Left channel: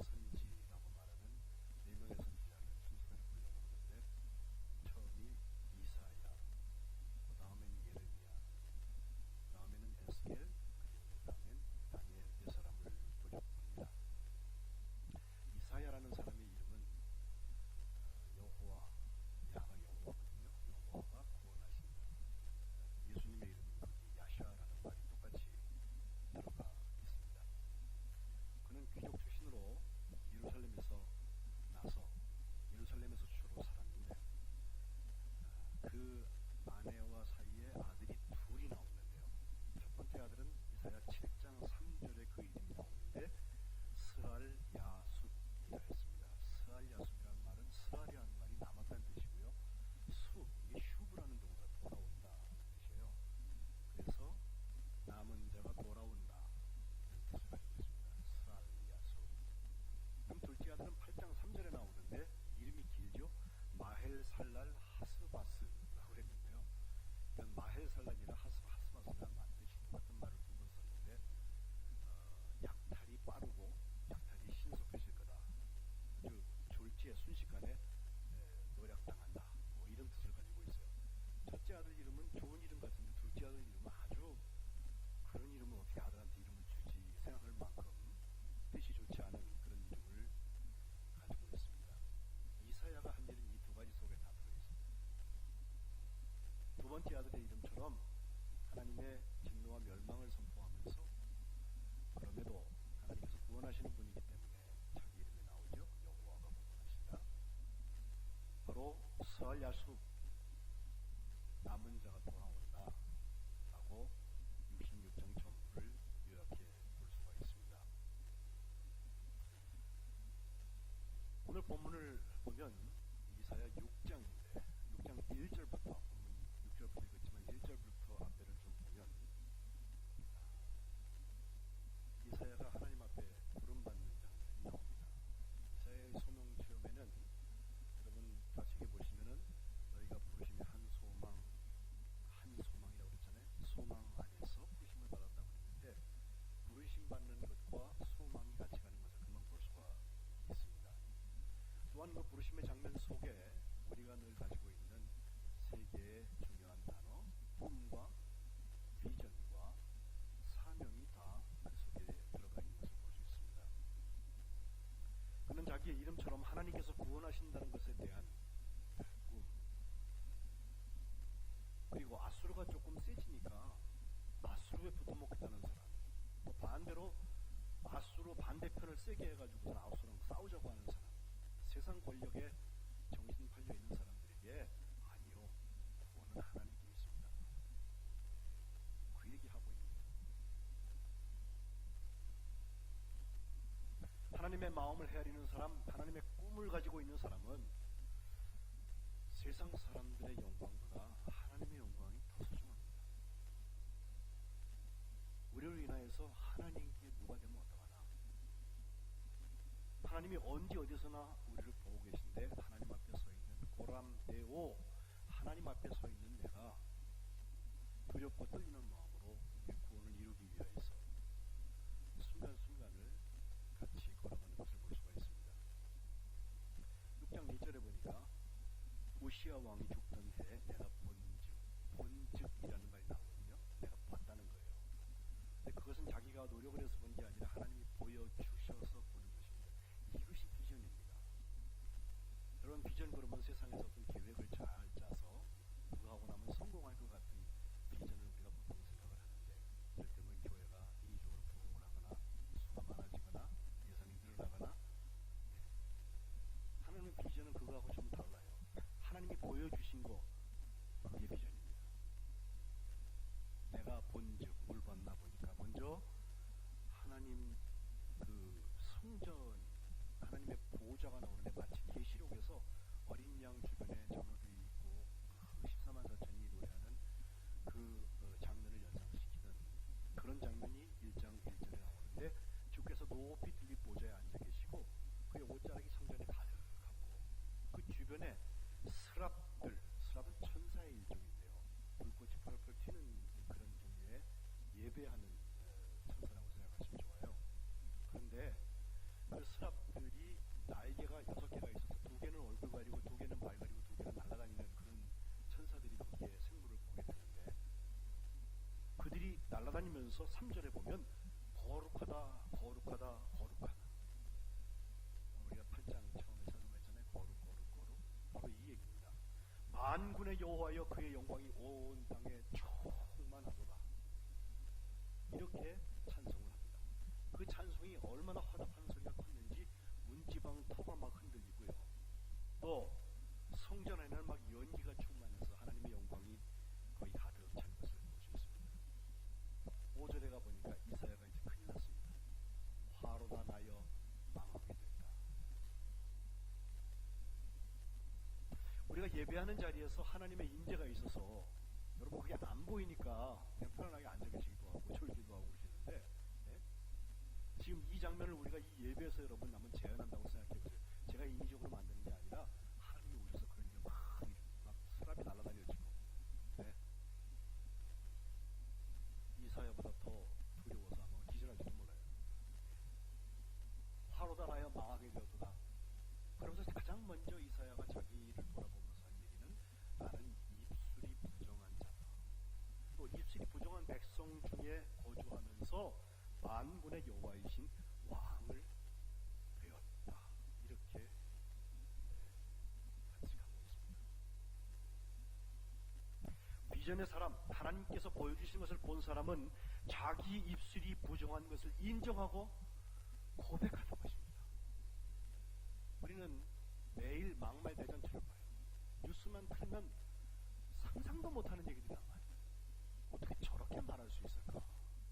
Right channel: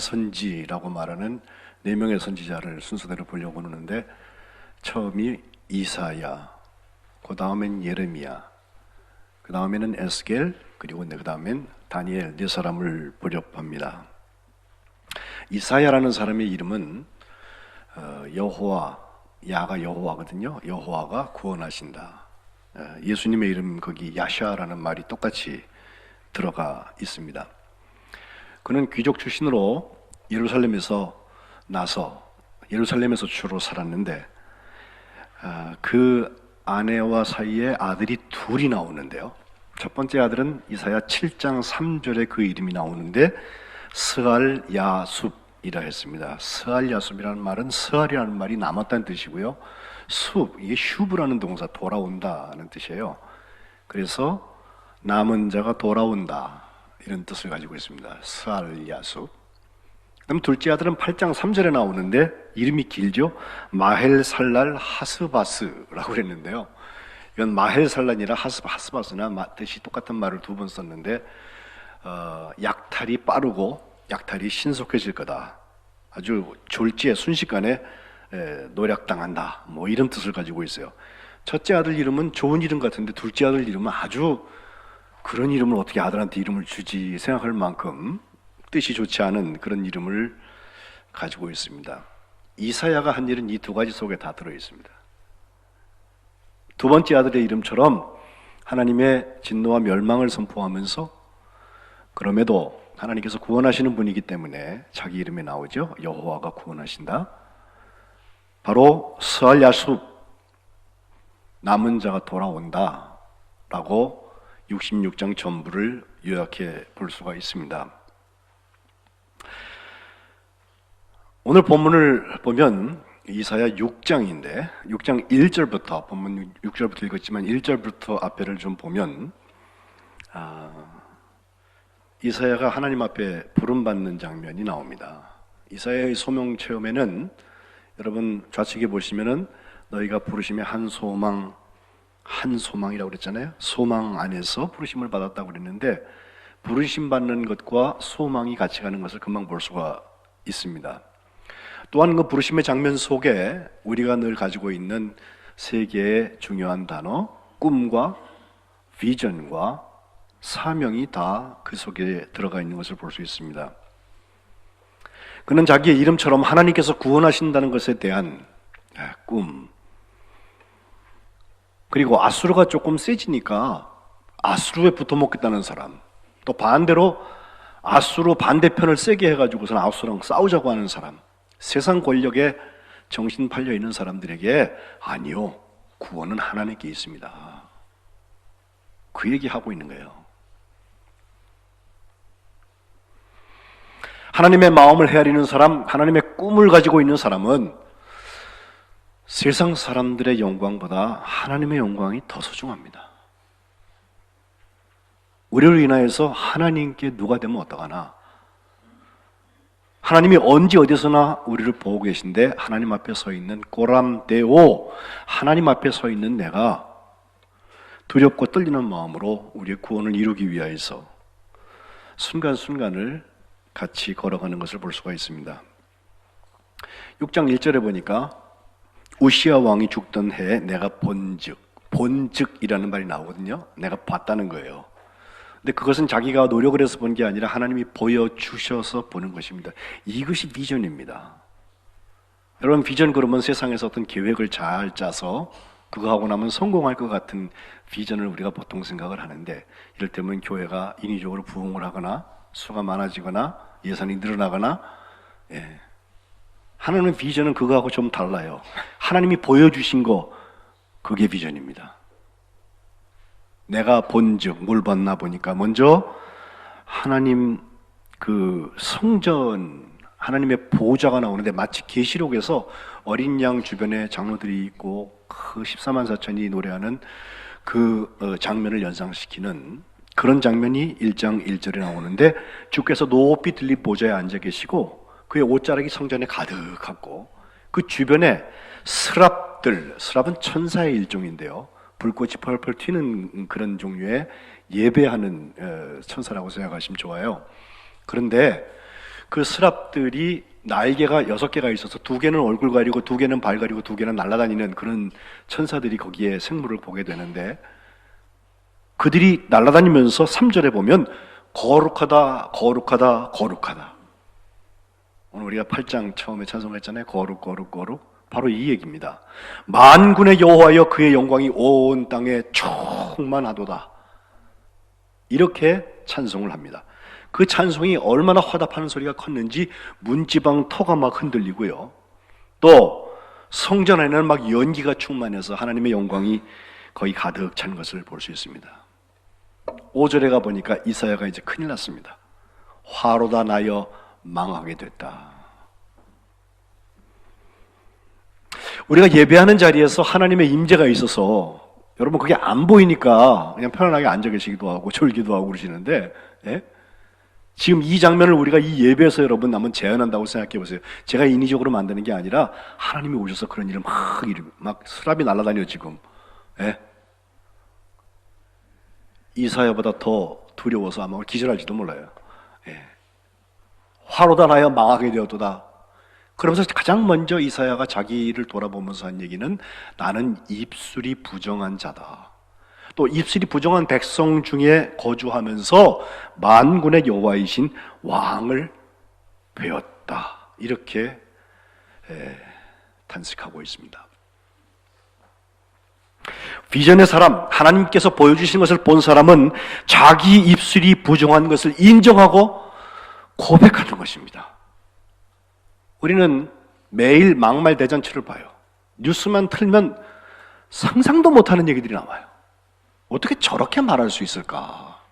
대선지라고 말하는 네 명의 선지자를 순서대로 보려고 하는데, 처음이 이사야, 그 다음엔 예레미야, 그 다음에는 에스겔, 그리고 그 다음엔 다니엘, 네 사람을 보려고 합니다. 이사야라는 사람의 이름은 여호와, 야가 여호와거든요. 여호와가 구원하신다. 예수님의 이름 거기 야샤라는 말이 똑같이 들어가 있습니다. 그는 귀족 출신으로 예루살렘에서 나서 예루살렘에서 주로 살았는데, 그 아내와 사이에 아들이 둘이 나오는데요. 첫 번째 아들은 이사야 7장 3절에 그 이름이 나오는데 스알 야숲이라 했습니다. 스알 야숲이라는 말은 스알이라는 말이 남았다는 뜻이고요. 숲, 이게 슈브라는 동사, 돌아온다는 뜻이에요. 그래서 남은 자가 돌아온다, 이런 뜻을 가지고 있습니다. 스알 야숲. 그럼 둘째 아들은 8장 3절에 나오는데 이름이 길죠. 마헬살랄 하스바스라고 그랬는데요. 이건 마헬살란이라 하스바스나 뜻이 똑같은 말을 두 번 썼는데, 약탈이 빠르고 약탈이 신속해질 거다, 아주 졸지에 순식간에 노략당한다, 뭐 이런 뜻을 가지고 있어요. 첫째 아들 이름은 좋은 이름 같은데 둘째 아들 이름은 아주 그런 이름을 어떻게 아들한테 이름을 주지 생각할 만큼 뜻이 좋지 않은 그런 이름을 가지고 있습니다. 이사야가 한 일은 이 두 가지 속에 다 들어 있습니다. 두 번째 아들의 이름처럼 하나님의 진노와 멸망을 선포하면서, 그럼에도 하나님께서 구원하시는 분이기 때문에 자기 이름에 나오죠. 여호와가 구원하신다. 바로 스알 야숲, 남은 자가 돌아온다 라고 66장 전부를 요약해 볼 수가 있습니다. 오늘 본문을 보면 이사야 6장인데 6장 1절부터, 본문 6절부터 읽었지만 1절부터 앞에를 좀 보면 이사야가 하나님 앞에 부름받는 장면이 나옵니다. 이사야의 소명 체험에는 여러분 좌측에 보시면은 너희가 부르심의 한 소망이라고 그랬잖아요. 소망 안에서 부르심을 받았다고 그랬는데, 부르심 받는 것과 소망이 같이 가는 것을 금방 볼 수가 있습니다. 또한 그 부르심의 장면 속에 우리가 늘 가지고 있는 세 개의 중요한 단어, 꿈과 비전과 사명이 다 그 속에 들어가 있는 것을 볼 수 있습니다. 그는 자기의 이름처럼 하나님께서 구원하신다는 것에 대한 꿈, 그리고 아수르가 조금 세지니까 아수르에 붙어먹겠다는 사람, 또 반대로 아수르 반대편을 세게 해가지고서는 아수르랑 싸우자고 하는 사람, 세상 권력에 정신 팔려 있는 사람들에게 아니요, 구원은 하나님께 있습니다, 그 얘기하고 있는 거예요. 하나님의 마음을 헤아리는 사람, 하나님의 꿈을 가지고 있는 사람은 세상 사람들의 영광보다 하나님의 영광이 더 소중합니다. 우리를 인하여서 하나님께 누가 되면 어떡하나, 하나님이 언제 어디서나 우리를 보고 계신데 하나님 앞에 서 있는 꼬람데오, 하나님 앞에 서 있는 내가 두렵고 떨리는 마음으로 우리의 구원을 이루기 위하여서 순간순간을 같이 걸어가는 것을 볼 수가 있습니다. 6장 1절에 보니까 우시야 왕이 죽던 해에 내가 본즉이라는 말이 나오거든요. 내가 봤다는 거예요. 근데 그것은 자기가 노력을 해서 본 게 아니라 하나님이 보여주셔서 보는 것입니다. 이것이 비전입니다. 여러분, 비전 그러면 세상에서 어떤 계획을 잘 짜서 그거 하고 나면 성공할 것 같은 비전을 우리가 보통 생각을 하는데, 이를테면 교회가 인위적으로 부흥을 하거나 수가 많아지거나 예산이 늘어나거나, 하나님의 비전은 그거하고 좀 달라요. 하나님이 보여주신 거, 그게 비전입니다. 내가 본즉, 뭘 봤나 보니까 먼저 하나님 그 성전, 하나님의 보좌가 나오는데 마치 계시록에서 어린 양 주변에 장로들이 있고 그 14만 4천이 노래하는 그 장면을 연상시키는 그런 장면이 1장 1절에 나오는데, 주께서 높이 들린 보좌에 앉아 계시고 그의 옷자락이 성전에 가득하고 그 주변에 스랍은 천사의 일종인데요, 불꽃이 펄펄 튀는 그런 종류의 예배하는 천사라고 생각하시면 좋아요. 그런데 그 스랍들이 날개가 6개가 있어서 2개는 얼굴 가리고 2개는 발 가리고 2개는 날아다니는 그런 천사들이 거기에 생물을 보게 되는데, 그들이 날아다니면서 3절에 보면 거룩하다 거룩하다 거룩하다. 오늘 우리가 8장 처음에 찬송했잖아요. 거룩 거룩 거룩. 바로 이 얘기입니다. 만군의 여호와여 그의 영광이 온 땅에 충만하도다. 이렇게 찬송을 합니다. 그 찬송이 얼마나 화답하는 소리가 컸는지 문지방 터가 막 흔들리고요. 또 성전 안에는 막 연기가 충만해서 하나님의 영광이 거의 가득 찬 것을 볼 수 있습니다. 5절에 가보니까 이사야가 이제 큰일 났습니다. 화로다 나여 망하게 됐다. 우리가 예배하는 자리에서 하나님의 임재가 있어서 여러분 그게 안 보이니까 그냥 편안하게 앉아 계시기도 하고 졸기도 하고 그러시는데, 예? 지금 이 장면을 우리가 이 예배에서 여러분 한번 재현한다고 생각해 보세요. 제가 인위적으로 만드는 게 아니라 하나님이 오셔서 그런 일을 막 수랍이 날아다녀 지금. 예? 이사야보다 더 두려워서 아마 기절할지도 몰라요. 예. 화로다 나여 망하게 되었도다. 그러면서 가장 먼저 이사야가 자기를 돌아보면서 한 얘기는 나는 입술이 부정한 자다. 또 입술이 부정한 백성 중에 거주하면서 만군의 여호와이신 왕을 배웠다. 이렇게 탄식하고 있습니다. 비전의 사람, 하나님께서 보여주신 것을 본 사람은 자기 입술이 부정한 것을 인정하고 고백하는 것입니다. 우리는 매일 막말 대잔치를 봐요. 뉴스만 틀면 상상도 못하는 얘기들이 나와요. 어떻게 저렇게 말할 수 있을까?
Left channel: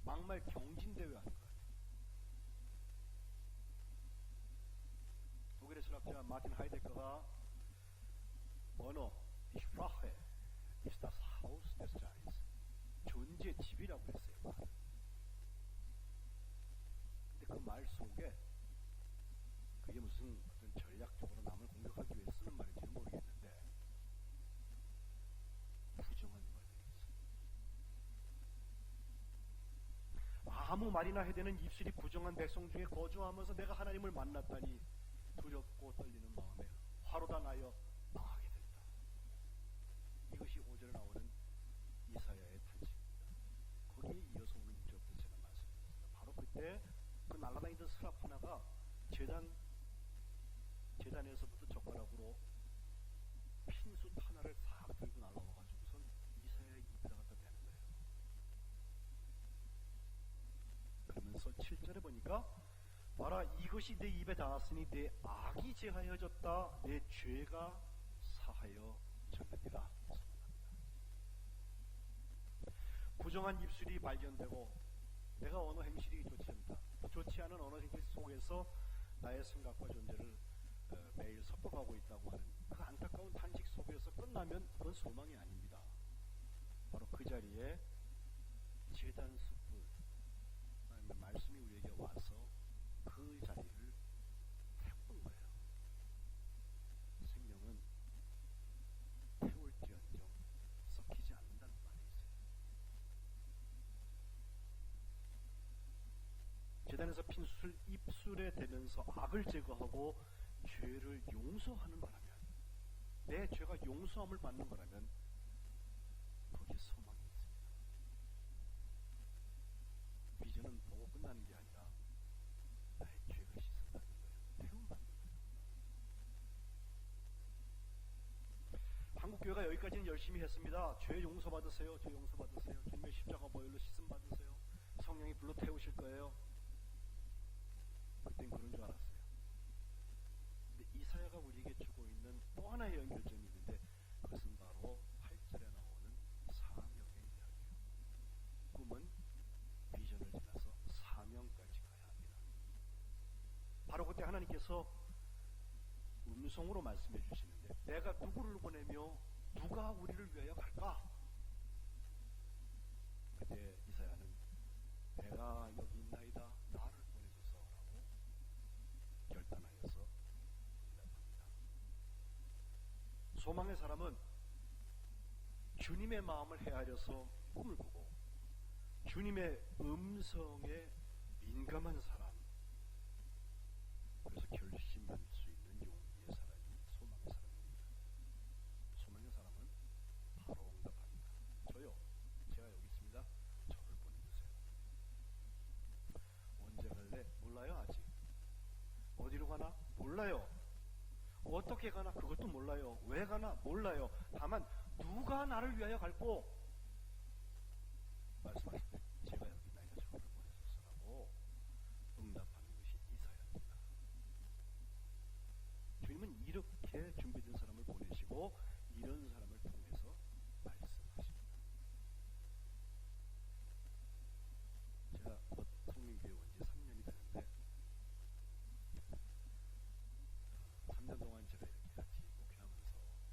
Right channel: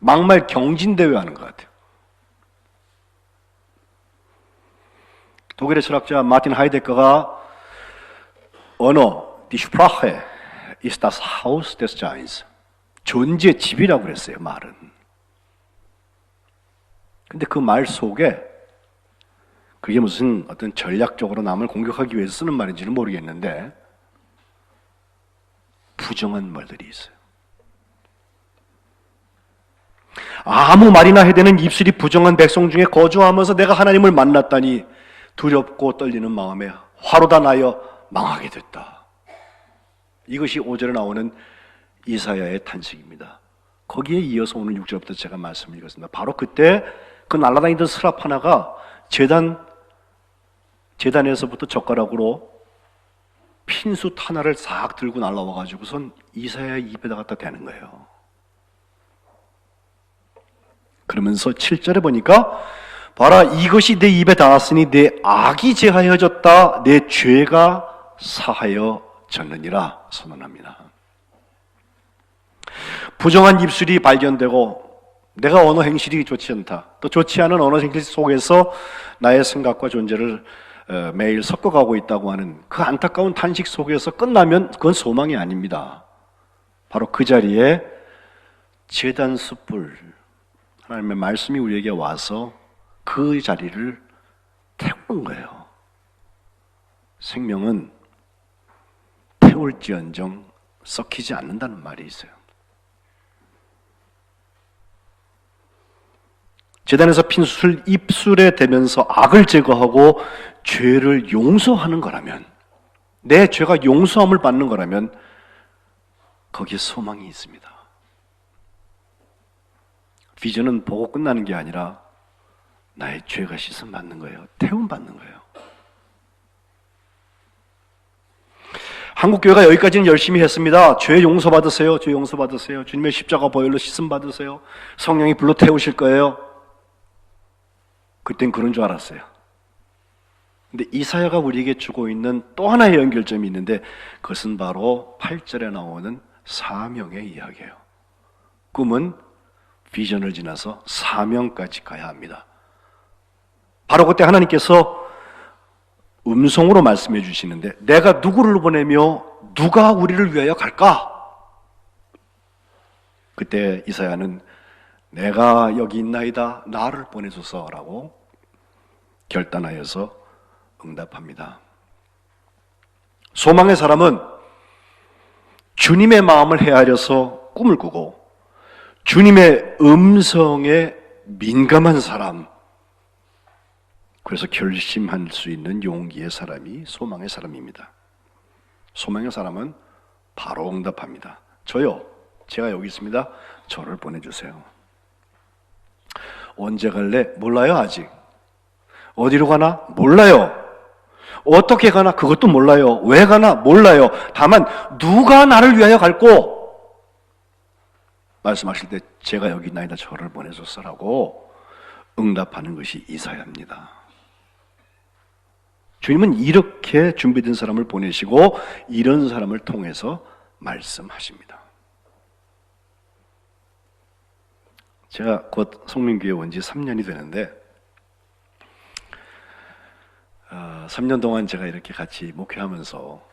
막말 경진대회 하는 것 같아요. 독일의 철학자 마틴 하이데거가 언어, die Sprache ist das Haus des Seins. 존재의 집이라고 그랬어요, 말은. 근데 그 말 속에 그게 무슨 어떤 전략적으로 남을 공격하기 위해서 쓰는 말인지는 모르겠는데 부정한 말들이 있어요. 아무 말이나 해대는 입술이 부정한 백성 중에 거주하면서 내가 하나님을 만났다니 두렵고 떨리는 마음에 화로다 나여 망하게 됐다. 이것이 5절에 나오는 이사야의 탄식입니다. 거기에 이어서 오늘 6절부터 제가 말씀을 읽었습니다. 바로 그때 그 날아다니던 스랍 하나가 재단에서부터 젓가락으로 핀숯 하나를 싹 들고 날라와가지고선 이사야의 입에다 갖다 대는 거예요. 그러면서 7절에 보니까 봐라 이것이 내 입에 닿았으니 내 악이 제하여졌다 내 죄가 사하여졌느니라 선언합니다. 부정한 입술이 발견되고 내가 언어 행실이 좋지 않다. 또 좋지 않은 언어 행실 속에서 나의 생각과 존재를 매일 섞어가고 있다고 하는 그 안타까운 탄식 속에서 끝나면 그건 소망이 아닙니다. 바로 그 자리에 제단 숯불 하나님의 말씀이 우리에게 와서 그 자리를 태우는 거예요. 생명은 태울지언정 썩히지 않는다는 말이 있어요. 제단에서 핀숯을 입술에 대면서 악을 제거하고 죄를 용서하는 거라면, 내 죄가 용서함을 받는 거라면 거기에 소망이 있습니다. 비전은 보고 끝나는 게 아니라 나의 죄가 씻음 받는 거예요. 태움 받는 거예요. 한국교회가 여기까지는 열심히 했습니다. 죄 용서 받으세요. 죄 용서 받으세요. 주님의 십자가 보혈로 씻음 받으세요. 성령이 불로 태우실 거예요. 그땐 그런 줄 알았어요. 근데 이사야가 우리에게 주고 있는 또 하나의 연결점이 있는데 그것은 바로 8절에 나오는 사명의 이야기예요. 꿈은 비전을 지나서 사명까지 가야 합니다. 바로 그때 하나님께서 음성으로 말씀해 주시는데 내가 누구를 보내며 누가 우리를 위하여 갈까? 그때 이사야는 내가 여기 있나이다 나를 보내소서라고 결단하여서 응답합니다. 소망의 사람은 주님의 마음을 헤아려서 꿈을 꾸고 주님의 음성에 민감한 사람, 그래서 결심할 수 있는 용기의 사람이 소망의 사람입니다. 소망의 사람은 바로 응답합니다. 저요, 제가 여기 있습니다. 저를 보내주세요. 언제 갈래? 몰라요. 아직. 어디로 가나? 몰라요. 어떻게 가나? 그것도 몰라요. 왜 가나? 몰라요. 다만 누가 나를 위하여 갈고? 말씀하실 때 제가 여기 있나이다, 저를 보내줬어라고 응답하는 것이 이사야입니다. 주님은 이렇게 준비된 사람을 보내시고 이런 사람을 통해서 말씀하십니다. 제가 곧 성민교회 온 지 3년이 되는데 3년 동안 제가 이렇게 같이 목회하면서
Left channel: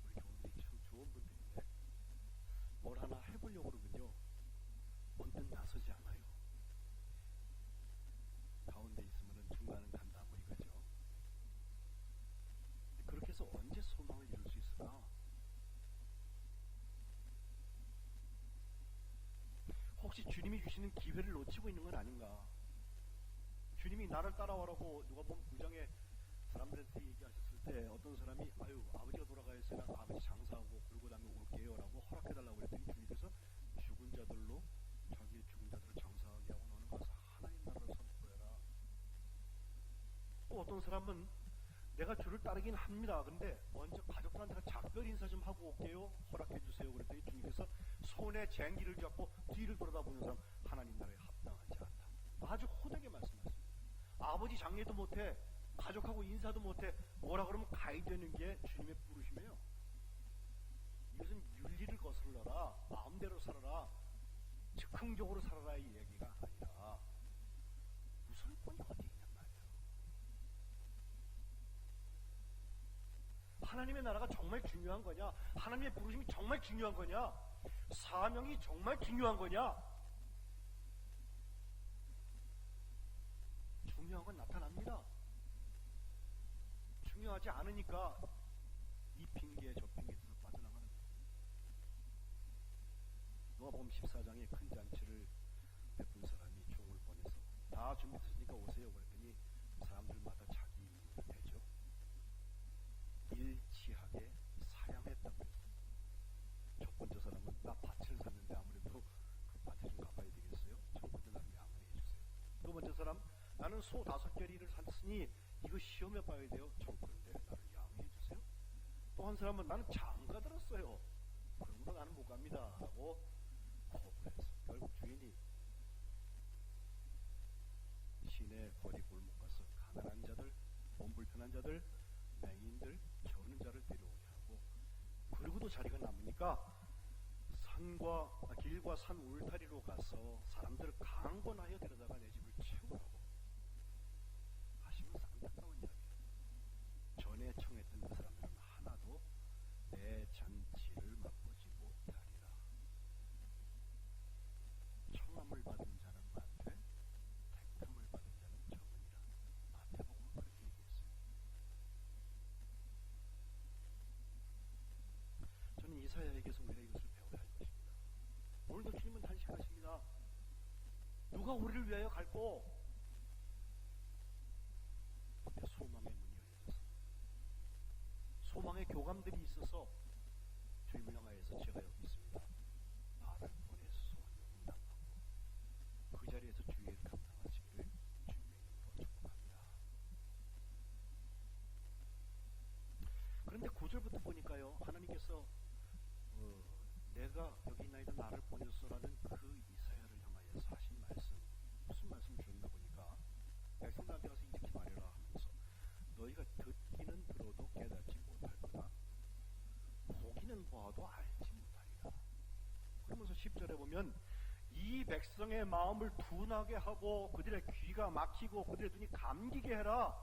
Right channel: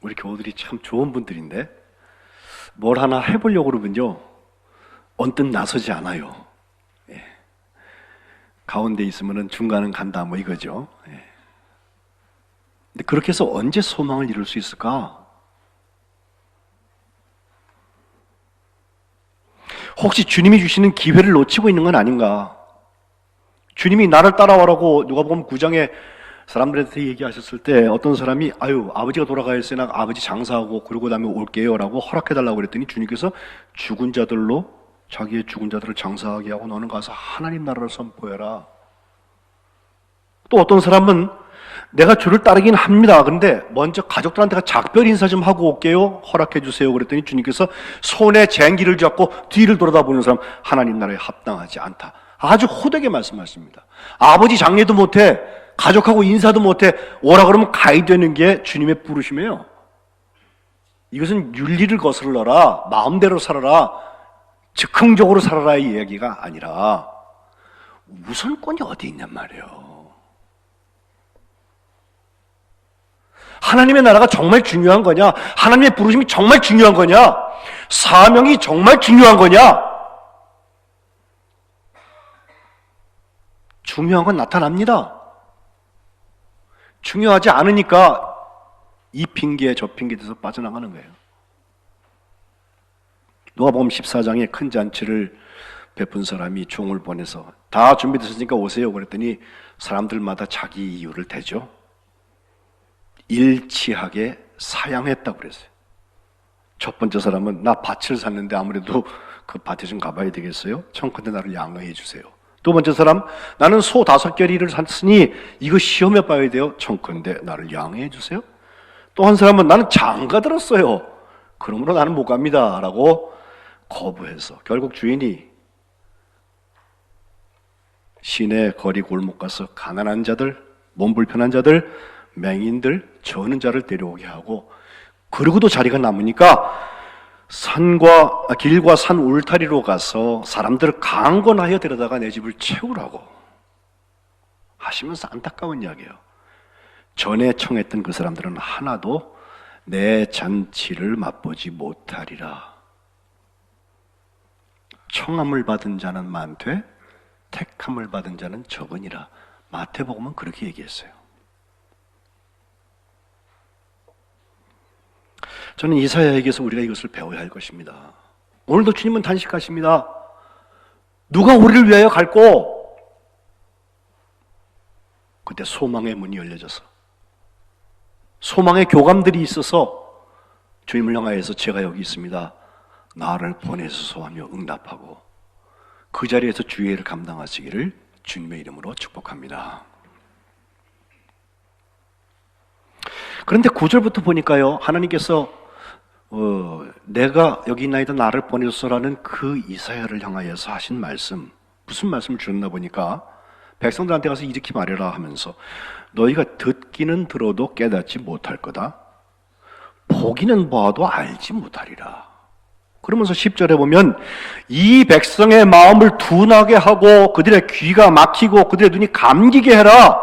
우리 교우들이 참 좋은 분들인데 뭘 하나 해보려고 그러면요 언뜻 나서지 않아요. 예. 가운데 있으면은 중간은 간다 뭐 이거죠. 예. 근데 그렇게 해서 언제 소망을 이룰 수 있을까? 혹시 주님이 주시는 기회를 놓치고 있는 건 아닌가? 주님이 나를 따라와라고 누가복음 9장에 사람들한테 얘기하셨을 때 어떤 사람이 아버지가 돌아가 있으나 아버지 장사하고 그러고 다음에 올게요 라고 허락해달라고 그랬더니 주님께서 죽은 자들로 자기의 죽은 자들을 장사하게 하고 너는 가서 하나님 나라를 선포해라. 또 어떤 사람은 내가 주를 따르긴 합니다. 그런데 먼저 가족들한테 작별 인사 좀 하고 올게요. 허락해 주세요. 그랬더니 주님께서 손에 쟁기를 잡고 뒤를 돌아다보는 사람 하나님 나라에 합당하지 않다. 아주 호되게 말씀하십니다. 아버지 장례도 못해 가족하고 인사도 못해 오라 그러면 가야 되는 게 주님의 부르심이에요. 이것은 윤리를 거슬러라, 마음대로 살아라, 즉흥적으로 살아라 이 이야기가 아니라 우선권이 어디 있냔 말이에요. 하나님의 나라가 정말 중요한 거냐? 하나님의 부르심이 정말 중요한 거냐? 사명이 정말 중요한 거냐? 중요한 건 나타납니다. 중요하지 않으니까 이 핑계 저 핑계 돼서 빠져나가는 거예요. 누가복음 14장에 큰 잔치를 베푼 사람이 종을 보내서 다 준비되셨으니까 오세요 그랬더니 사람들마다 자기 이유를 대죠. 일치하게 사양했다고 그랬어요. 첫 번째 사람은 나 밭을 샀는데 아무래도 그 밭에 좀 가봐야 되겠어요? 청컨대 나를 양해해 주세요. 두 번째 사람, 나는 소 5겨리를 샀으니 이거 시험해 봐야 돼요. 청컨대 나를 양해해 주세요. 또 한 사람은 나는 장가 들었어요. 그러므로 나는 못 갑니다 라고 거부해서 결국 주인이 시내 거리 골목 가서 가난한 자들, 몸 불편한 자들, 맹인들, 저는 자를 데려오게 하고 그러고도 자리가 남으니까 길과 산 울타리로 가서 사람들을 강권하여 데려다가 내 집을 채우라고 하시면서 안타까운 이야기예요. 전에 청했던 그 사람들은 하나도 내 잔치를 맛보지 못하리라. 청함을 받은 자는 많되 택함을 받은 자는 적으니라. 마태복음은 그렇게 얘기했어요. 저는 이사야에게서 우리가 이것을 배워야 할 것입니다. 오늘도 주님은 단식하십니다. 누가 우리를 위하여 갈고? 그때 소망의 문이 열려져서 소망의 교감들이 있어서 주님을 향하여서 제가 여기 있습니다. 나를 보내소서 하며 응답하고 그 자리에서 주의 일을 감당하시기를 주님의 이름으로 축복합니다. 그런데 9절부터 보니까요, 하나님께서 내가 여기 있나이다 나를 보내소서라는 그 이사야를 향하여서 하신 말씀, 무슨 말씀을 주셨나 보니까 백성들한테 가서 이렇게 말해라 하면서 너희가 듣기는 들어도 깨닫지 못할 거다. 보기는 봐도 알지 못하리라. 그러면서 10절에 보면 이 백성의 마음을 둔하게 하고 그들의 귀가 막히고 그들의 눈이 감기게 해라.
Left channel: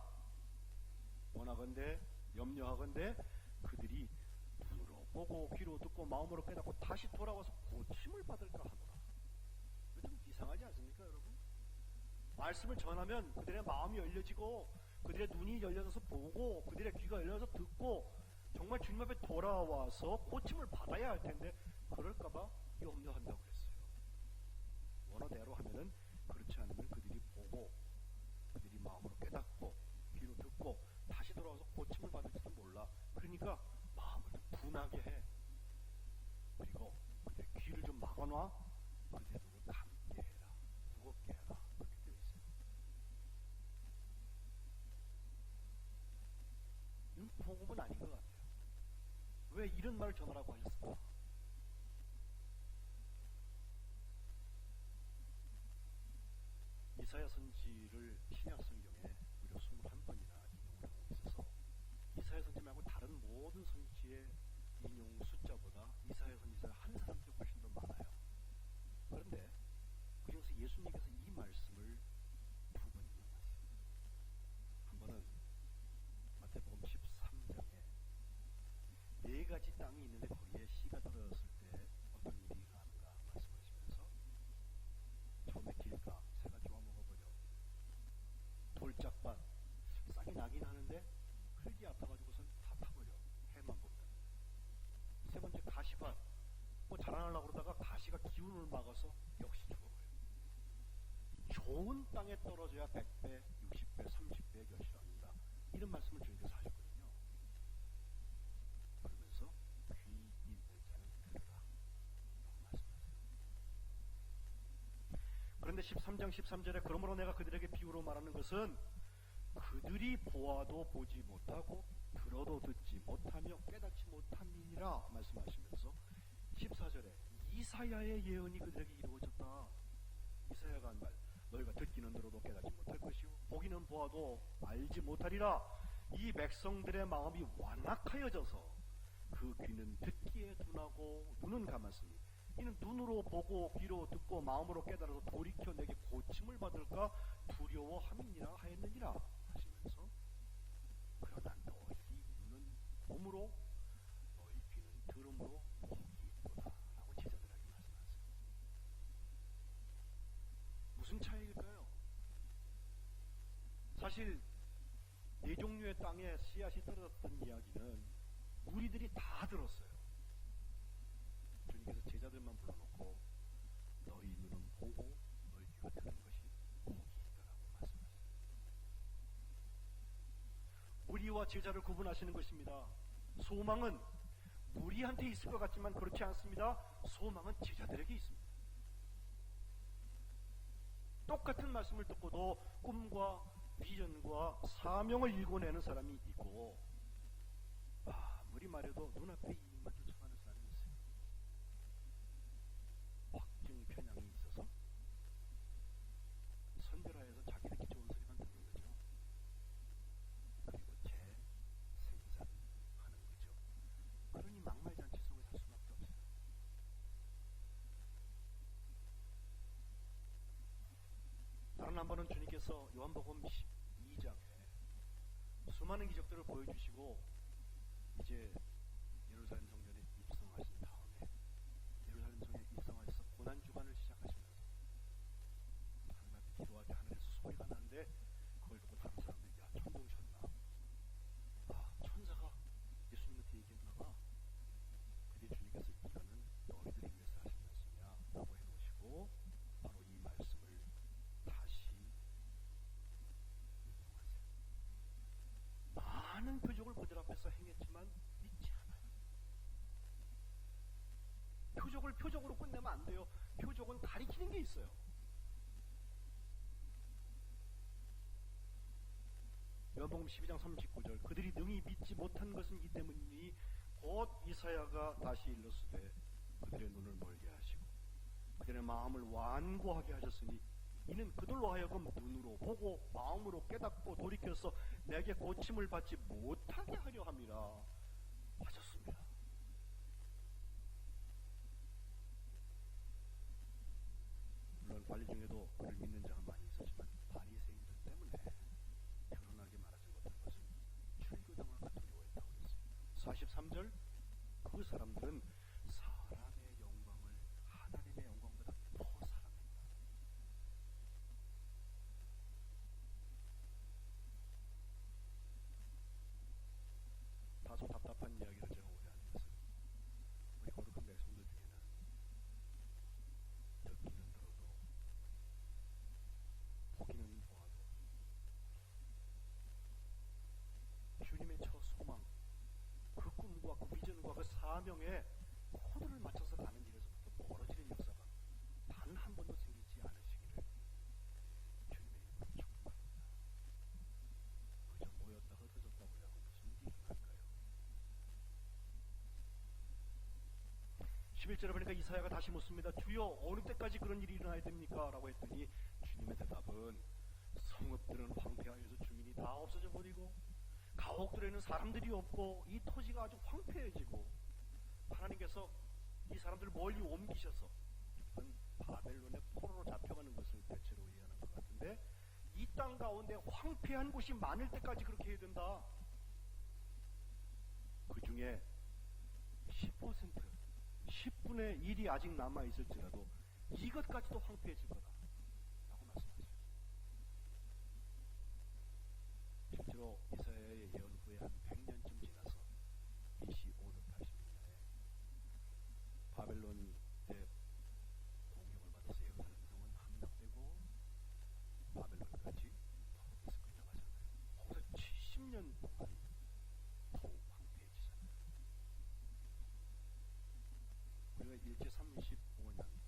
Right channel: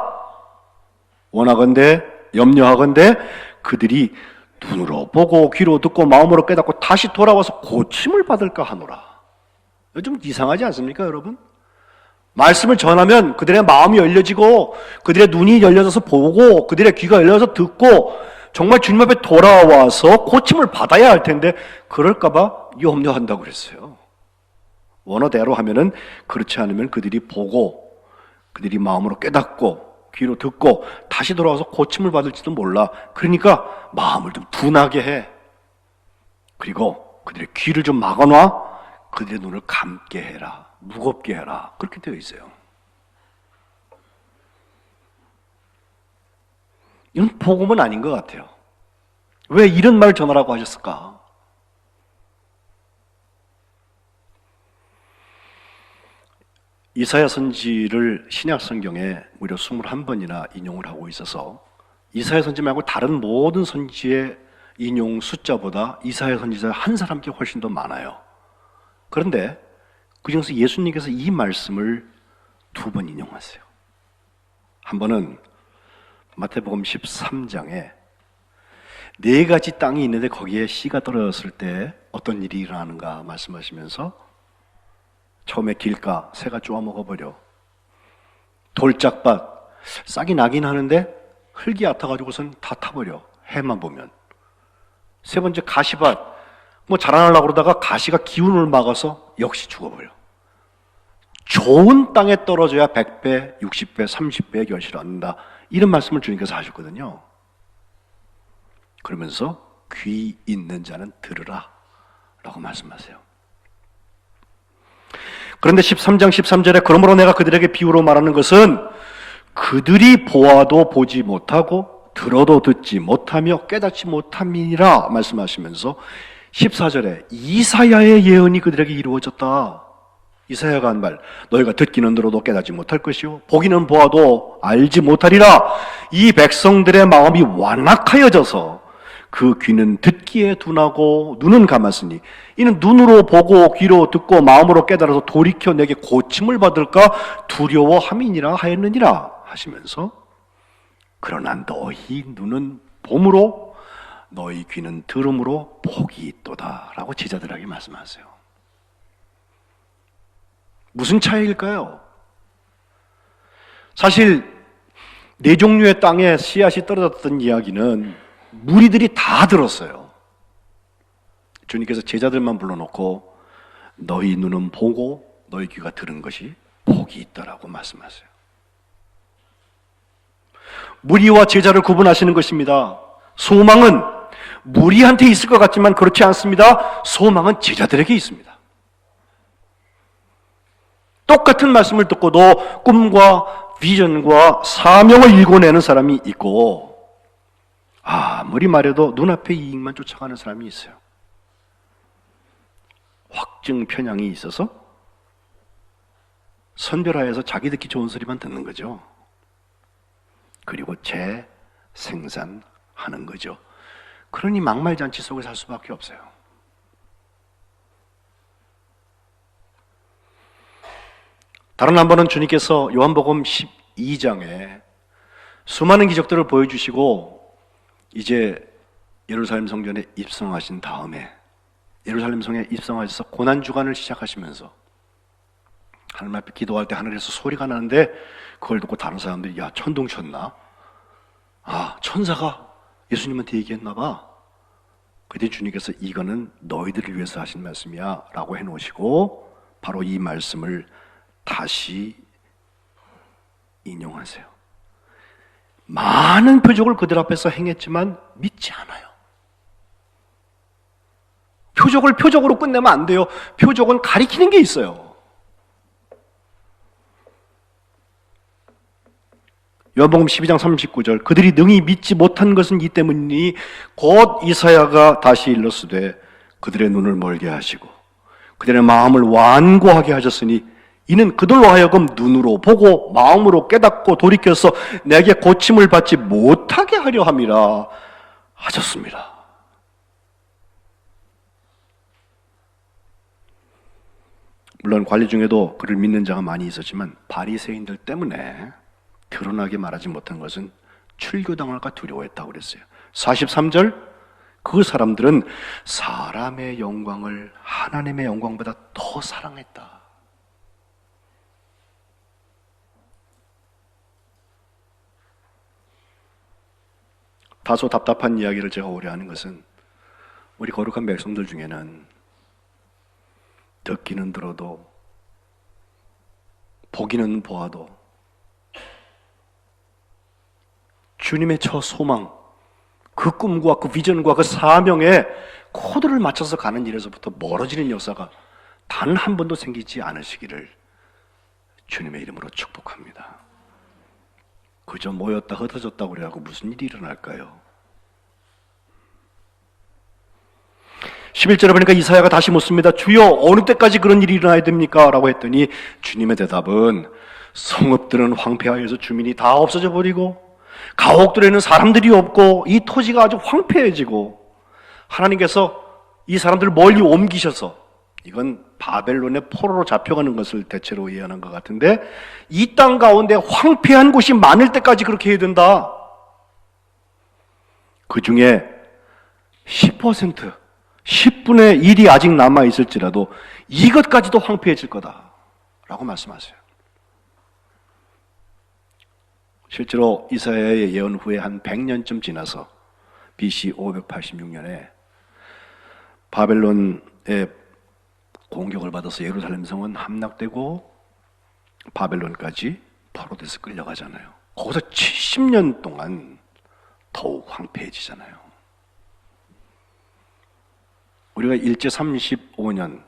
원하건대 염려하건대 그들이 눈으로 보고 귀로 듣고 마음으로 깨닫고 다시 돌아와서 고침을 받을까 하노라. 좀 이상하지 않습니까 여러분? 말씀을 전하면 그들의 마음이 열려지고 그들의 눈이 열려져서 보고 그들의 귀가 열려서 듣고 정말 주님 앞에 돌아와서 고침을 받아야 할 텐데 그럴까 봐 염려한다고 그랬어요. 원어대로 하면은 그렇지 않으면 그들이 보고 그들이 마음으로 깨닫고 귀로 듣고 다시 돌아와서 고침을 받을지도 몰라. 그러니까 마음을 좀 둔하게 해. 그리고 그들의 귀를 좀 막아놔. 그들의 눈을 감게 해라. 무겁게 해라. 그렇게 되어 있어요. 이건 복음은 아닌 것 같아요. 왜 이런 말을 전하라고 하셨을까? 이사야 선지를 신약 성경에 무려 21번이나 인용을 하고 있어서 이사야 선지 말고 다른 모든 선지의 인용 숫자보다 이사야 선지자 한 사람께 훨씬 더 많아요. 그런데 그중에서 예수님께서 이 말씀을 2번 인용하세요. 한 번은 마태복음 13장에 4가지 땅이 있는데 거기에 씨가 떨어졌을 때 어떤 일이 일어나는가 말씀하시면서 처음에 길가 새가 쪼아 먹어버려. 돌짝밭 싹이 나긴 하는데 흙이 얕아가지고선 다 타버려. 해만 보면. 세 번째 가시밭 자라나려고 그러다가 가시가 기운을 막아서 역시 죽어버려. 좋은 땅에 떨어져야 100배, 60배, 30배의 결실을 얻는다. 이런 말씀을 주님께서 하셨거든요. 그러면서 귀 있는 자는 들으라 라고 말씀하세요. 그런데 13장 13절에 그러므로 내가 그들에게 비유로 말하는 것은 그들이 보아도 보지 못하고 들어도 듣지 못하며 깨닫지 못함이니라 말씀하시면서 14절에 이사야의 예언이 그들에게 이루어졌다. 이사야가 한 말, 너희가 듣기는 들어도 깨닫지 못할 것이요 보기는 보아도 알지 못하리라. 이 백성들의 마음이 완악하여져서 그 귀는 듣기에 둔하고 눈은 감았으니 이는 눈으로 보고 귀로 듣고 마음으로 깨달아서 돌이켜 내게 고침을 받을까 두려워함이니라 하였느니라 하시면서 그러나 너희 눈은 봄으로 너희 귀는 들음으로 복이 있도다 라고 제자들에게 말씀하세요. 무슨 차이일까요? 사실 4종류의 땅에 씨앗이 떨어졌던 이야기는 무리들이 다 들었어요. 주님께서 제자들만 불러놓고 너희 눈은 보고 너희 귀가 들은 것이 복이 있다라고 말씀하세요. 무리와 제자를 구분하시는 것입니다. 소망은 무리한테 있을 것 같지만 그렇지 않습니다. 소망은 제자들에게 있습니다. 똑같은 말씀을 듣고도 꿈과 비전과 사명을 일궈내는 사람이 있고 아무리 말해도 눈앞의 이익만 쫓아가는 사람이 있어요. 확증 편향이 있어서 선별화해서 자기 듣기 좋은 소리만 듣는 거죠. 그리고 재생산하는 거죠. 그러니 막말잔치 속에 살 수밖에 없어요. 다른 한 번은 주님께서 요한복음 12장에 수많은 기적들을 보여주시고 이제 예루살렘 성전에 입성하신 다음에 예루살렘 성에 입성하셔서 고난주간을 시작하시면서 하나님 앞에 기도할 때 하늘에서 소리가 나는데 그걸 듣고 다른 사람들이 야 천둥쳤나? 아 천사가 예수님한테 얘기했나 봐. 그때 주님께서 이거는 너희들을 위해서 하신 말씀이야 라고 해놓으시고 바로 이 말씀을 다시 인용하세요. 많은 표적을 그들 앞에서 행했지만 믿지 않아요. 표적을 표적으로 끝내면 안 돼요. 표적은 가리키는 게 있어요. 요한복음 12장 39절 그들이 능히 믿지 못한 것은 이 때문이니 곧 이사야가 다시 일렀으되 그들의 눈을 멀게 하시고 그들의 마음을 완고하게 하셨으니 이는 그들로 하여금 눈으로 보고 마음으로 깨닫고 돌이켜서 내게 고침을 받지 못하게 하려 함이라 하셨습니다. 물론 관리 중에도 그를 믿는 자가 많이 있었지만 바리새인들 때문에 드러나게 말하지 못한 것은 출교당할까 두려워했다고 그랬어요. 43절 그 사람들은 사람의 영광을 하나님의 영광보다 더 사랑했다. 다소 답답한 이야기를 제가 오래 하는 것은 우리 거룩한 백성들 중에는 듣기는 들어도 보기는 보아도 주님의 저 소망, 그 꿈과 그 비전과 그 사명에 코드를 맞춰서 가는 일에서부터 멀어지는 역사가 단 한 번도 생기지 않으시기를 주님의 이름으로 축복합니다. 그저 모였다 흩어졌다고 그래갖고 무슨 일이 일어날까요? 11절에 보니까 이사야가 다시 묻습니다. 주여, 어느 때까지 그런 일이 일어나야 됩니까? 라고 했더니 주님의 대답은 성읍들은 황폐하여서 주민이 다 없어져 버리고 가옥들에는 사람들이 없고 이 토지가 아주 황폐해지고 하나님께서 이 사람들을 멀리 옮기셔서, 이건 바벨론의 포로로 잡혀가는 것을 대체로 예언한 것 같은데, 이 땅 가운데 황폐한 곳이 많을 때까지 그렇게 해야 된다. 그 중에 10%, 10분의 1이 아직 남아있을지라도 이것까지도 황폐해질 거다 라고 말씀하세요. 실제로 이사야의 예언 후에 한 100년쯤 지나서 BC 586년에 바벨론의 공격을 받아서 예루살렘 성은 함락되고 바벨론까지 포로돼서 끌려가잖아요. 거기서 70년 동안 더욱 황폐해지잖아요. 우리가 일제 35년,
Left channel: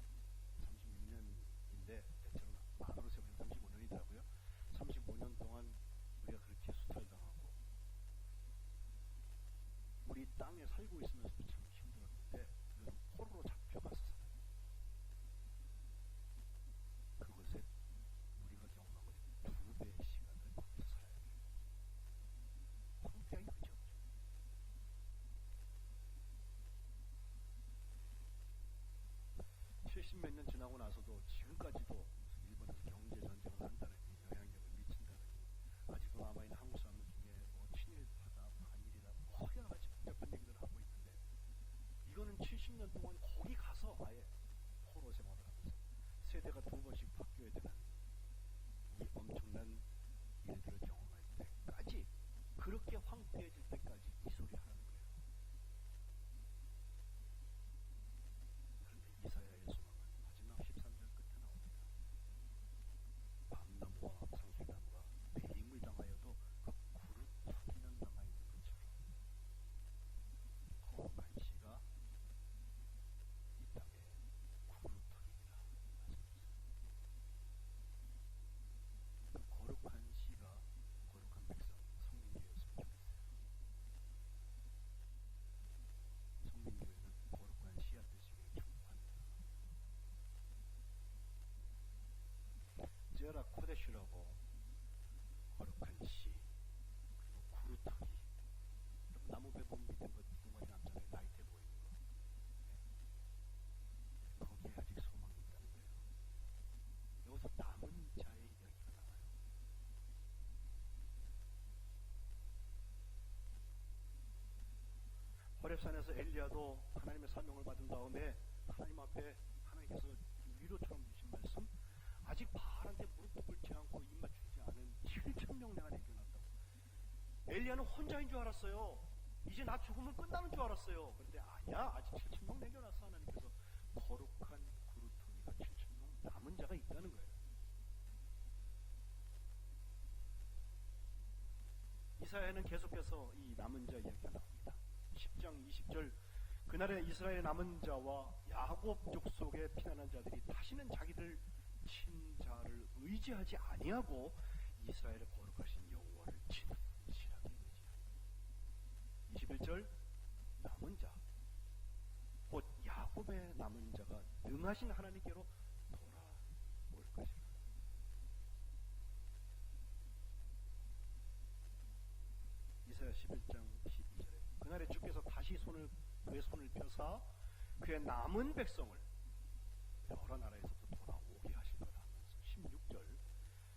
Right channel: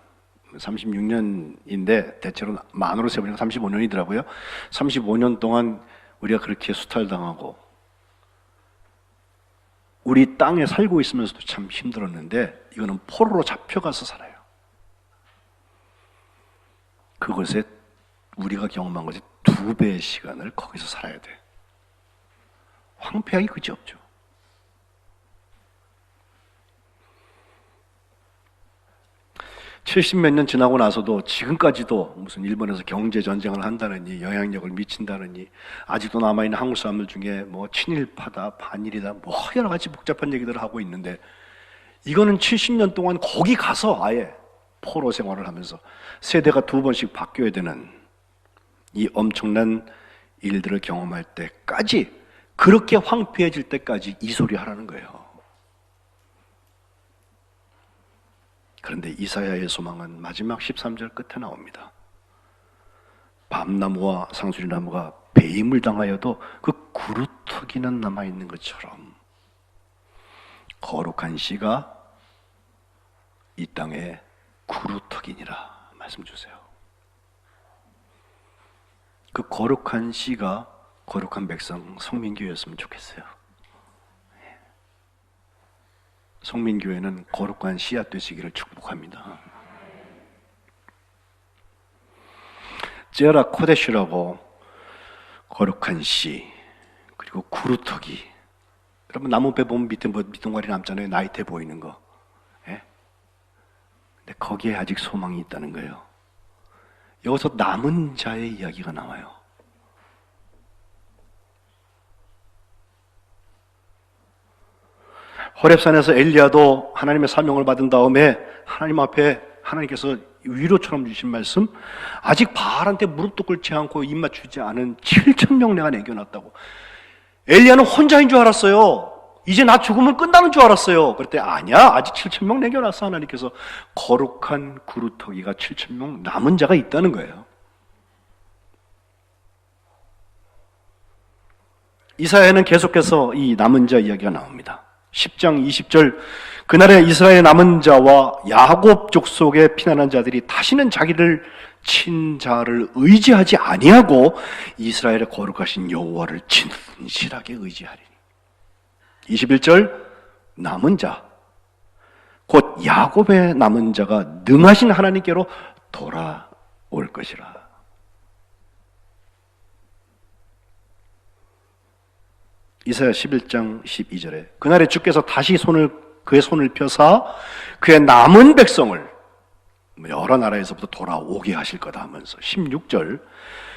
36년인데 대체로 만으로 세보니까 35년이더라고요. 35년 동안 우리가 그렇게 수탈당하고 우리 땅에 살고 있으면서도 참 힘들었는데, 이거는 포로로 잡혀가서 살아요. 그것에 우리가 경험한 것이 2배의 시간을 거기서 살아야 돼. 황폐하기 그지없죠. (70몇 년) 지나고 나서도 지금까지도 무슨 일본에서 경제 전쟁을 한다느니 영향력을 미친다느니 아직도 남아있는 한국 사람들 중에 뭐 친일파다 반일이다 뭐 여러 가지 복잡한 얘기들을 하고 있는데, 이거는 70년 동안 거기 가서 아예 포로 생활을 하면서 세대가 2번씩 바뀌어야 되는 이 엄청난 일들을 경험할 때까지, 그렇게 황폐해질 때까지 이 소리 하라는 거예요. 그런데 이사야의 소망은 마지막 13절 끝에 나옵니다. 밤나무와 상수리나무가 배임을 당하여도 그 구루터기는 남아있는 것처럼 거룩한 씨가 이 땅에 구루터기니라 말씀 주세요. 그 거룩한 씨가 거룩한 백성 성민교회였으면 좋겠어요. 성민교회는 거룩한 씨앗 되시기를 축복합니다. 제라 코데시라고 거룩한 씨, 그리고 구루터기. 여러분 나무배 보면 밑에 뭐 밑둥가리 남잖아요. 나이테 보이는 거. 예? 근데 거기에 아직 소망이 있다는 거예요. 여기서 남은 자의 이야기가 나와요. 호렙산에서 엘리야도 하나님의 사명을 받은 다음에 하나님 앞에 하나님께서 위로처럼 주신 말씀, 아직 바알한테 무릎도 꿇지 않고 입 맞추지 않은 7,000명 내가 남겨놨다고. 엘리야는 혼자인 줄 알았어요. 이제 나 죽으면 끝나는 줄 알았어요. 그랬더니 아니야, 아직 7,000명 남겨놨어. 하나님께서 거룩한 구루터기가 7,000명 남은 자가 있다는 거예요. 이사야는 계속해서 이 남은 자 이야기가 나옵니다. 10장 20절, 그날에 이스라엘 남은 자와 야곱 족속의 피난한 자들이 다시는 자기를 친 자를 의지하지 아니하고 이스라엘의 거룩하신 여호와를 진실하게 의지하리니. 21절, 남은 자, 곧 야곱의 남은 자가 능하신 하나님께로 돌아올 것이라. 이사야 11장 12절에 그날에 주께서 다시 그의 손을 펴사 그의 남은 백성을 여러 나라에서부터 돌아오게 하실 거다 하면서 16절,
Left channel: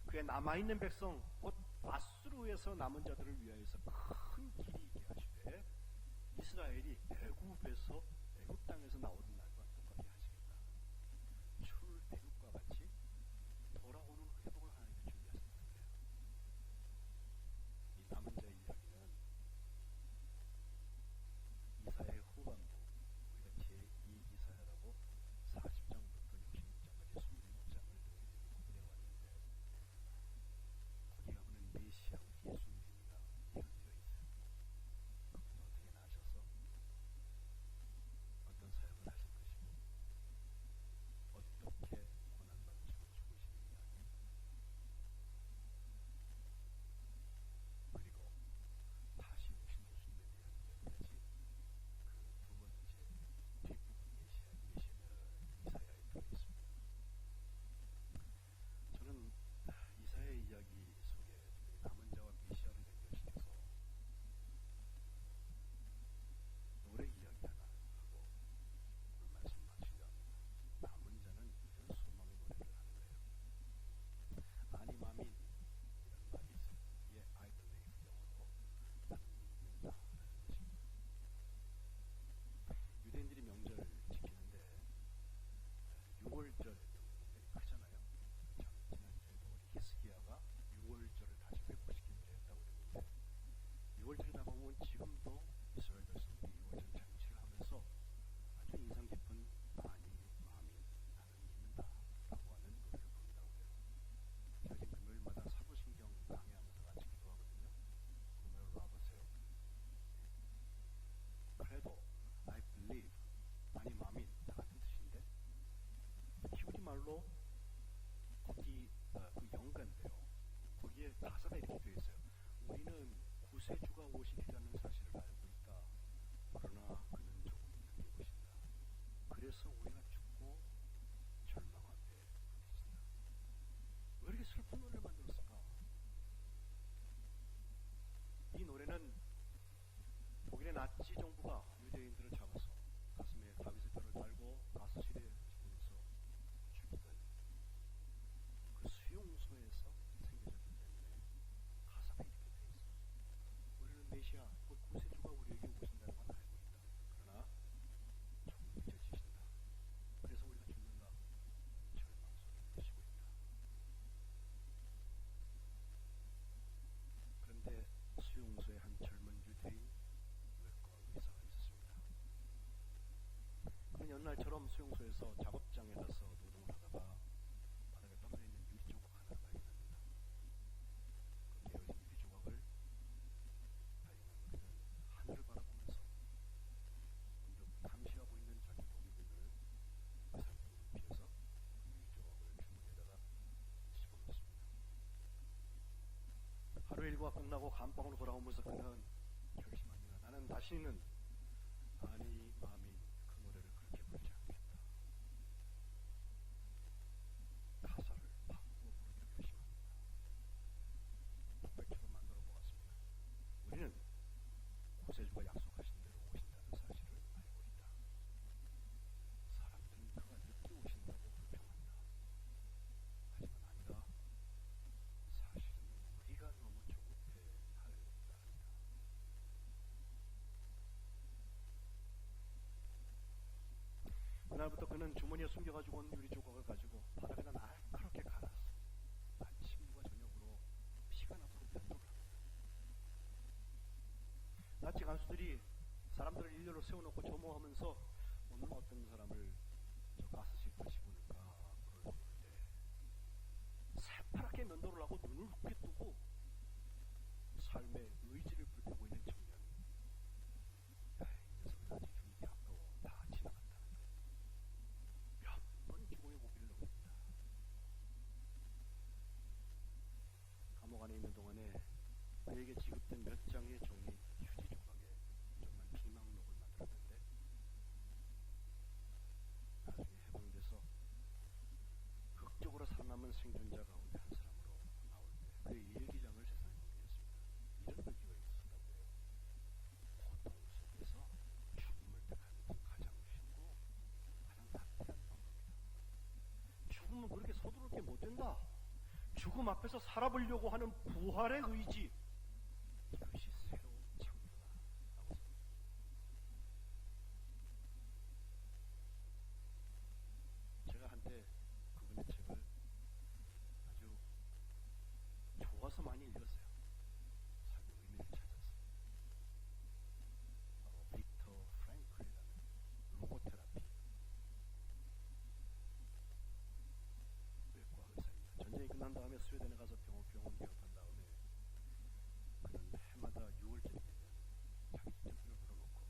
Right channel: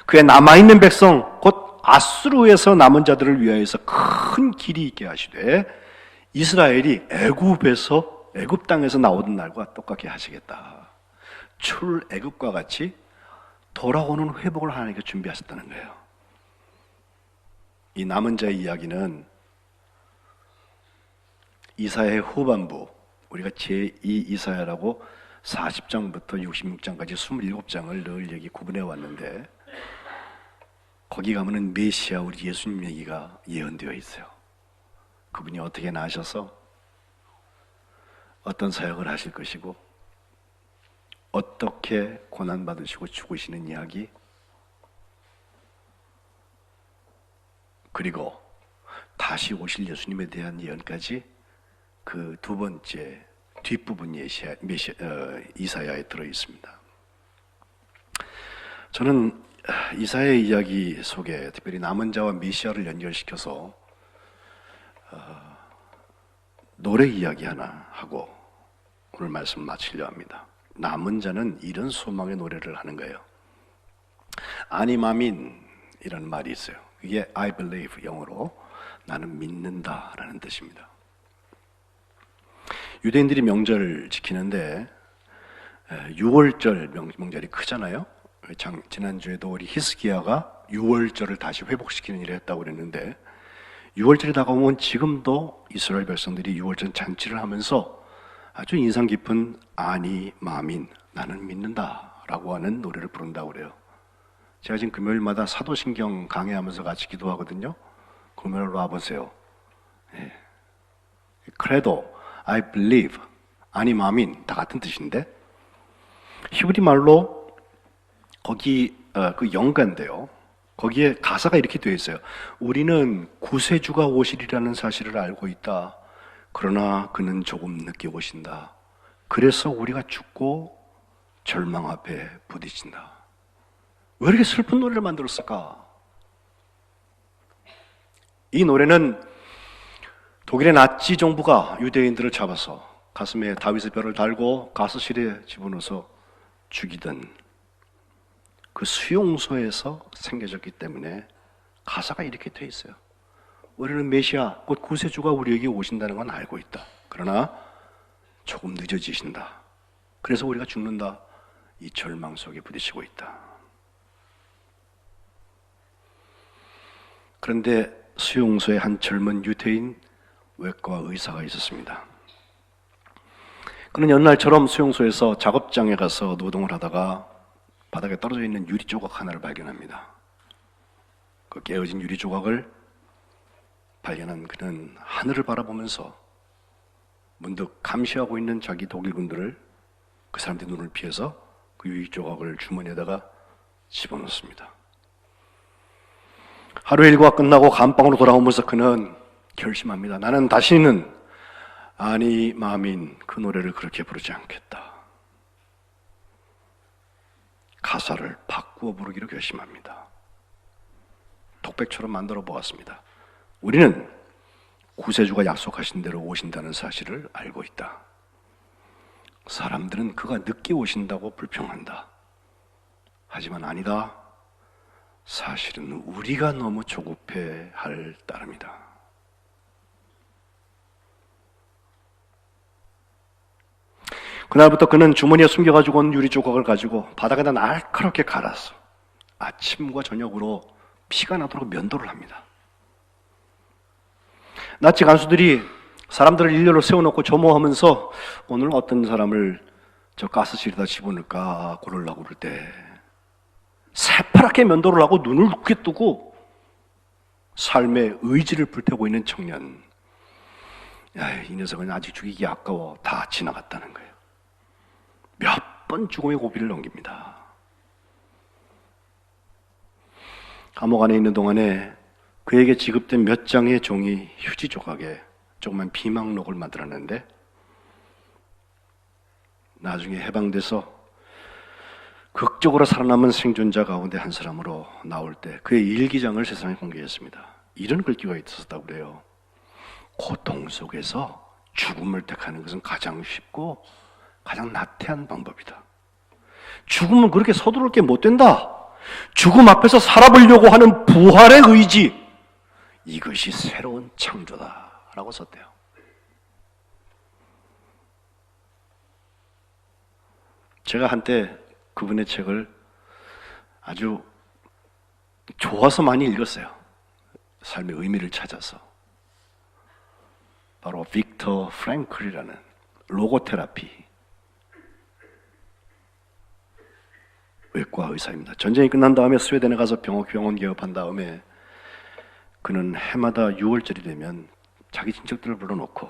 그의 남아있는 백성 곧 아수르에서 남은 자들을 위하여서 큰 길이 있게 하시되 이스라엘이 애굽 땅에서 나오던 날과 똑같게 하시겠다. 출애굽과 같이 돌아오는 회복을 하나님께 준비하셨다는 거예요. 이 남은 자의 이야기는 이사야의 후반부, 우리가 제2 이사야라고 40장부터 66장까지 27장을 늘 여기 구분해 왔는데, 거기 가면은 메시아 우리 예수님 얘기가 예언되어 있어요. 그분이 어떻게 나셔서 어떤 사역을 하실 것이고 어떻게 고난받으시고 죽으시는 이야기, 그리고 다시 오실 예수님에 대한 예언까지 그 두 번째 뒷부분 이사야에 들어 있습니다. 저는 이사야의 이야기 속에 특별히 남은 자와 메시아를 연결시켜서 노래 이야기 하나 하고 오늘 말씀 마치려 합니다. 남은 자는 이런 소망의 노래를 하는 거예요. 아니마민이라는 말이 있어요. 이게 I believe, 영어로 나는 믿는다라는 뜻입니다. 유대인들이 명절 지키는데 6월절 명절이 크잖아요. 지난주에도 우리 히스기야가 6월절을 다시 회복시키는 일을 했다고 그랬는데 6월절이 다가오면 지금도 이스라엘 백성들이 6월절 잔치를 하면서 아주 인상 깊은 아니 마민, 나는 믿는다라고 하는 노래를 부른다고 그래요. 제가 지금 금요일마다 사도신경 강해하면서 같이 기도하거든요. 금요일 와보세요. 크레도, I believe, 아니 마민 다 같은 뜻인데 히브리 말로 거기 그 영가인데요. 거기에 가사가 이렇게 되어 있어요. 우리는 구세주가 오시리라는 사실을 알고 있다. 그러나 그는 조금 늦게 오신다. 그래서 우리가 죽고 절망 앞에 부딪힌다. 왜 이렇게 슬픈 노래를 만들었을까? 이 노래는 독일의 나치 정부가 유대인들을 잡아서 가슴에 다윗의 뼈를 달고 가스실에 집어넣어서 죽이던 그 수용소에서 생겨졌기 때문에 가사가 이렇게 돼 있어요. 우리는 메시아, 곧 구세주가 우리에게 오신다는 건 알고 있다. 그러나 조금 늦어지신다. 그래서 우리가 죽는다. 이 절망 속에 부딪히고 있다. 그런데 수용소에 한 젊은 유대인 외과 의사가 있었습니다. 그는 연날처럼 수용소에서 작업장에 가서 노동을 하다가 바닥에 떨어져 있는 유리 조각 하나를 발견합니다. 그 깨어진 유리 조각을 발견한 그는 하늘을 바라보면서 문득 감시하고 있는 자기 독일군들을, 그 사람들의 눈을 피해서 그 유리 조각을 주머니에다가 집어넣습니다. 하루 일과가 끝나고 감방으로 돌아오면서 그는 결심합니다. 나는 다시는 아니 마민 그 노래를 그렇게 부르지 않겠다. 가사를 바꾸어 부르기로 결심합니다. 독백처럼 만들어 보았습니다. 우리는 구세주가 약속하신 대로 오신다는 사실을 알고 있다. 사람들은 그가 늦게 오신다고 불평한다. 하지만 아니다. 사실은 우리가 너무 조급해 할 따름이다. 그날부터 그는 주머니에 숨겨가지고 온 유리 조각을 가지고 바닥에다 날카롭게 갈았어. 아침과 저녁으로 피가 나도록 면도를 합니다. 나치 간수들이 사람들을 일렬로 세워놓고 점호하면서 오늘 어떤 사람을 저 가스실에다 집어넣을까 고르려고 그럴 때 새파랗게 면도를 하고 눈을 굳게 뜨고 삶의 의지를 불태우고 있는 청년. 이 녀석은 아직 죽이기 아까워. 다 지나갔다는 거예요. 몇 번 죽음의 고비를 넘깁니다. 감옥 안에 있는 동안에 그에게 지급된 몇 장의 종이 휴지 조각에 조그만 비망록을 만들었는데 나중에 해방돼서 극적으로 살아남은 생존자 가운데 한 사람으로 나올 때 그의 일기장을 세상에 공개했습니다. 이런 글귀가 있었다고 그래요. 고통 속에서 죽음을 택하는 것은 가장 쉽고 가장 나태한 방법이다. 죽음은 그렇게 서두를 게 못 된다. 죽음 앞에서 살아보려고 하는 부활의 의지, 이것이 새로운 창조다 라고 썼대요. 제가 한때 그분의 책을 아주 좋아서 많이 읽었어요. 삶의 의미를 찾아서. 바로 빅터 프랭클이라는 로고테라피 외과 의사입니다. 전쟁이 끝난 다음에 스웨덴에 가서 병원 개업한 다음에 그는 해마다 6월절이 되면 자기 친척들을 불러놓고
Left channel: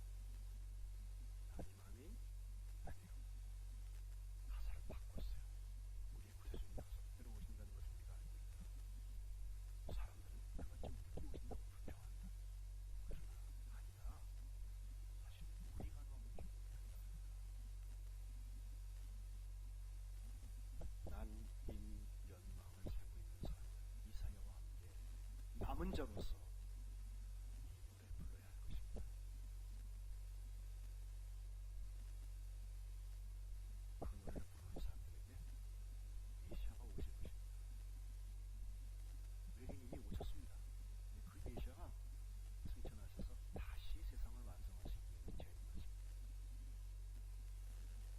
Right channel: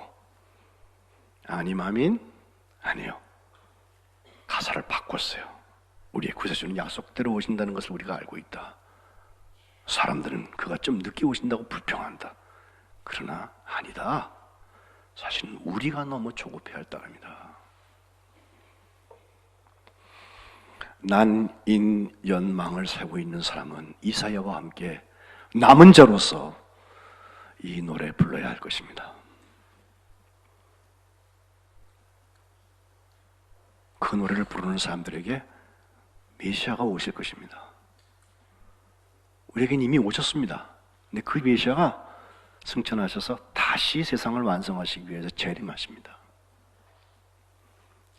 아님 아민? 아니요. 가사를 바꿨어요. 우리의 구세주는 약속대로 오신다는 것을 우리가 알고 있다. 사람들은 그가 좀 늦게 오신다고 불평한다. 그러나 아니다. 사실은 우리가 너무 조급해할 따름이다. 난인연망을 세고 있는 사람은 이사야와 함께 남은 자로서 이 노래 불러야 할 것입니다. 그 노래를 부르는 사람들에게 메시아가 오실 것입니다. 우리에겐 이미 오셨습니다. 근데 그 메시아가 승천하셔서 다시 세상을 완성하시기 위해서 재림하십니다.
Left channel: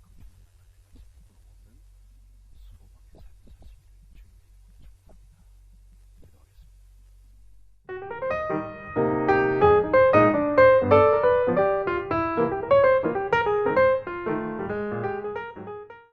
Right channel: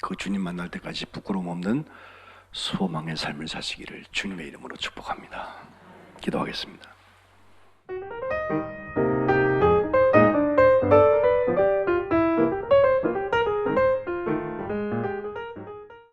그 주님 만날 때까지 부끄러움 없는 소망의 삶을 사시기를 주님의 이름으로 축복합니다. 기도하겠습니다.